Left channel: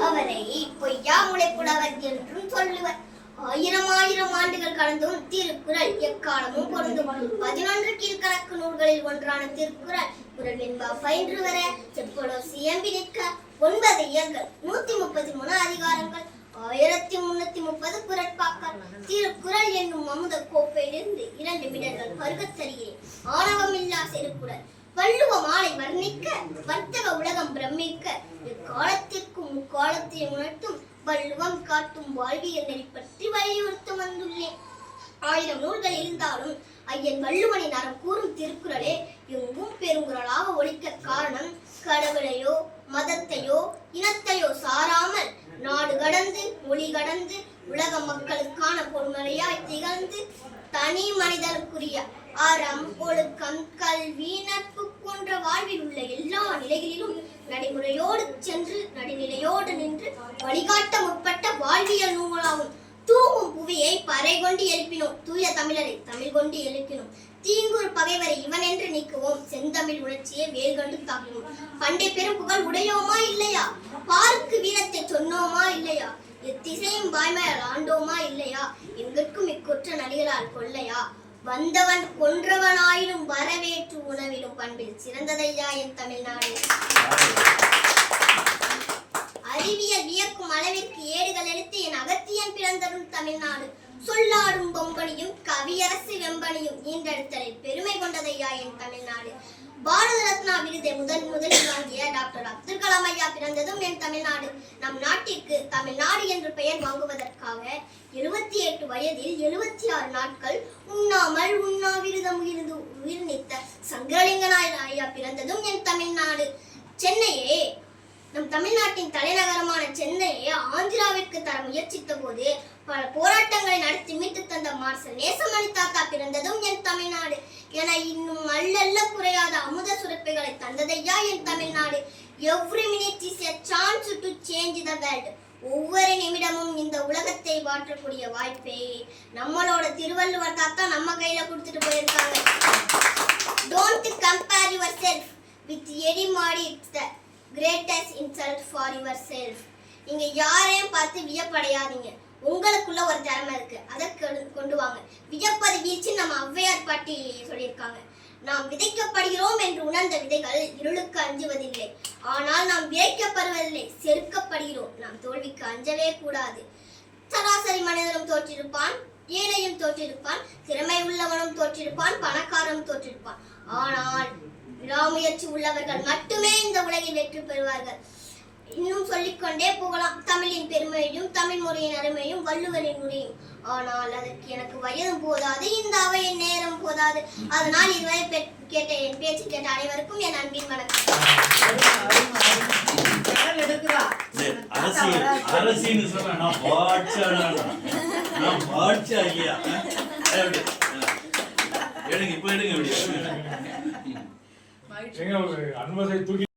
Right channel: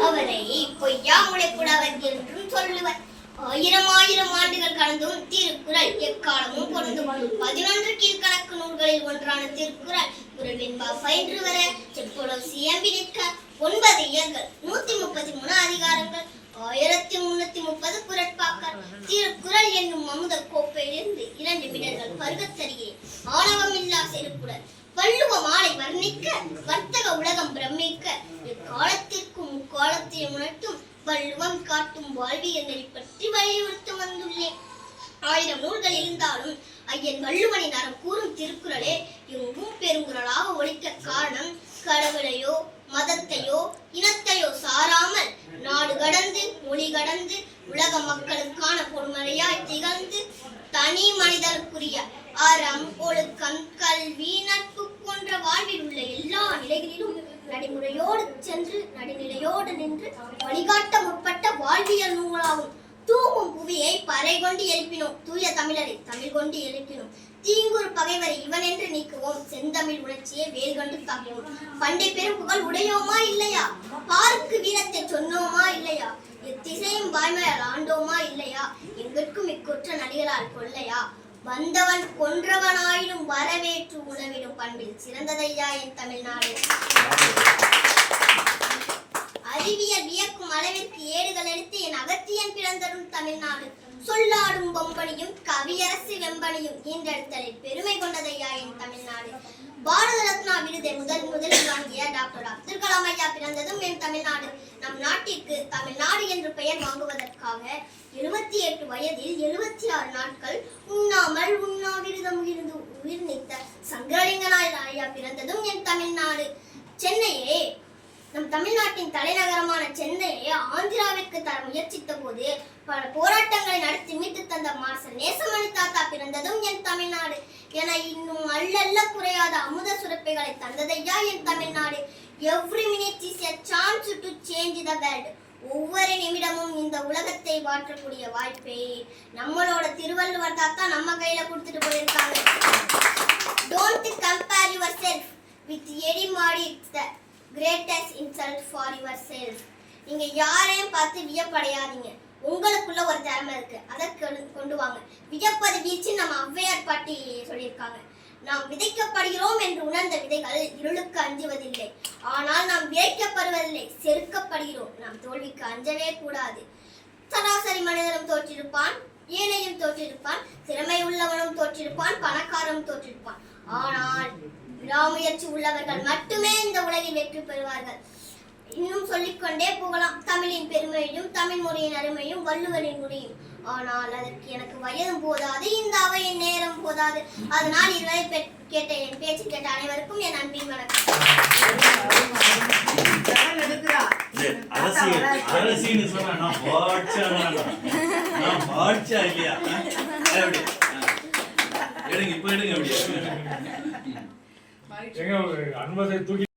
அவரை பொய்யா முளைப்புலவர் என்றும் சொல்லுவர். ஆயிரம் ஆயிரம் ஆண்டுகள் கடந்தும் திருக்குறள் எக்காலமும் பொருந்தும். பதினொன்று கீழ்கணக்கு நூல்களில் ஒன்றான திருக்குறள் குரல் பயின்று வர செப்பொழும் சியம்பி நிற்க ஒன்பது இயல்கள் நூத்தி முப்பத்தி மூணு அதிகாரங்கள் ஆயிரத்தி முன்னூத்தி முப்பது குரட்பாக்கள். திருக்குறள் என்னும் அமுத கோப்பையிலிருந்து இரண்டு மிடர்கள் பருகத் தருகிறேன் ஆணவமில்லா செருக்குடன் வள்ளுவ மாலை வர்ணிக்க வர்த்தக உலகம் பிரமிக்க. எக்காலத்திற்கும் முக்காலத்தை உணர்த்தும் வள்ளுவம் காட்டும் வாழ்வியல் நெறி பற்றி வலியுறுத்த வந்துள்ளேன் ஆயிரம் நூல்கள் இருந்தாலும் ஐயன் வள்ளுவனின் அறம் கூறும் திருக்குறளே எங்கும் பெருங்குறளாக ஒழிக்க காரணம் கடவுளையோ மதத்தையோ இனத்தையோ சாராமல் நாடு கடந்து மொழி கடந்து உலக மக்களுக்கான பொறுமறையாய் திகழ்ந்து தனி மனிதனுக்குரிய அறம் ஒழுக்கம் கல்வி நட்பு போன்ற வாழ்வில் உள்ள எல்லா நிலைகளிலும் நடைமுறையோடு சென்று நடுநிலையோடு நின்று வழிகாட்ட முற்பட்ட வாழ்வியல் நூலாகும். தூங்கும் புவியை பறை கொண்டு எழுப்பினோம். தூய தமிழரை தமிழ் கொண்டு எழுப்பினோம். தீங்குறு பகைவரை இவன் என்று நீக்குவோம். செந்தமிழ் உணர்ச்சியை வேல் கண்டு தாக்குவோம் பண்டை பெரும் புகழ் உடையோமா இல்லையா? பாருக்கு வீரத்தை சொன்னோமா இல்லையா? எத்திசையும் வாய்மையால் ஆண்டோமா இல்லையா? எங்கிற்கும் இக்குற்ற நடிகளால் கொள்ளையா? வந்தவன் கொன்றவனாயினும் வரவேற்று உணவிடும் பண்பில் சிறந்ததையா என் தமிழ்நாடு. அறிவியல் வியக்கும் அளவிற்கு ஏடுகள் எடுத்து என் அகத்தியன் பிறந்தரும் தமிழ்நாடு. சொல்லாடும் பொம்பனியும் கவியரசு வெம்பனியும் ஈன்றெடுத்தலில் பெருமை கொண்டதையா என் தமிழ்நாடு? பாரத ரத்னா விருதை முதல் முதலில் வாங்கிய டாக்டர் அப்துல் கலாம் ஐயா பிறந்ததும் என் தமிழ்நாடு. நம் நாட்டிற்கு தமிழ்நாடு என்று பெயர் வாங்குவதற்காக எழுபத்தி எட்டு வயதில் எழுபத்தி ஆறு நாட்கள் உண்ணாமல் உண்ணாவிரதம் இருந்து உயிர் நீத்த சங்கரலிங்கனாயர் ஐயா பிறந்ததும் என் தமிழ்நாடு. சென்னையே நம் தமிழ்நாட்டின் தலைநகரமான சென்னையை ஆந்திராவிற்கு தர முயற்சித்த போது பல போராட்டங்களை நடத்தி மீட்டு தந்த மார்சல் நேசமணி தாத்தா பிறந்ததும் என் தமிழ்நாடு என இன்னும் அல்லல்ல குறையாத அமுத சுரப்பைகளை தந்ததையா என் Tamil Nadu? Every minute is a chance to change the world ஒவ்வொரு நிமிடமும் இந்த உலகத்தை மாற்றக்கூடிய வாய்ப்பை. நம்மளோட திருவள்ளுவர் தாத்தா நம்ம கையில கொடுத்துட்டு போயிருக்காங்க. Don't compare yourself with எடி மாடி greatest insult for yourself நீங்கள் யாரையும் பார்த்து வியப்படையாதீங்க. உங்களுக்குள்ள ஒரு திறமை இருக்கு. அதை கொண்டு- கொண்டு வாங்க. வியப்பது வீச்சு நம்ம ஔவையார் பாட்டி சொல்லியிருக்காங்க. நாம் விதைக்கப்படுகிறோம் என்று உணர்ந்த விதைகள் இருளுக்கு அஞ்சுவதில்லை. ஆனால் நாம் விதைக்கப்படுவதில்லை செருக்கப்படுகிறோம். நாம் தோல்விக்கு அஞ்சவே கூடாது. சராசரி மனிதனும் தோற்றிருப்பான் ஏழையும் தோற்றிருப்பான் திறமை உள்ளவனும் தோற்றிருப்பான் பணக்காரனும் தோற்றிருப்பான். ஆனால் விடாமுயற்சி உள்ளவர்கள் மட்டுமே இந்த உலகில் வெற்றி பெறுவார்கள். இன்னும் சொல்லிக்கொண்டே போகலாம். தமிழின் பெருமையும் தமிழ் முறையின் அருமையும் வள்ளுவரின் முறையும் ஆனால் அதற்கு எனக்கு வயதும் போதாது இந்த அவையின் நேரம் போதாது. அதனால் இதுவரை கேட்ட என் பேச்சு கேட்ட அனைவருக்கும் என் அன்பின் வணக்கம். அரசியல் அரசின்னு சொன்னா 영향을 안마사에 독이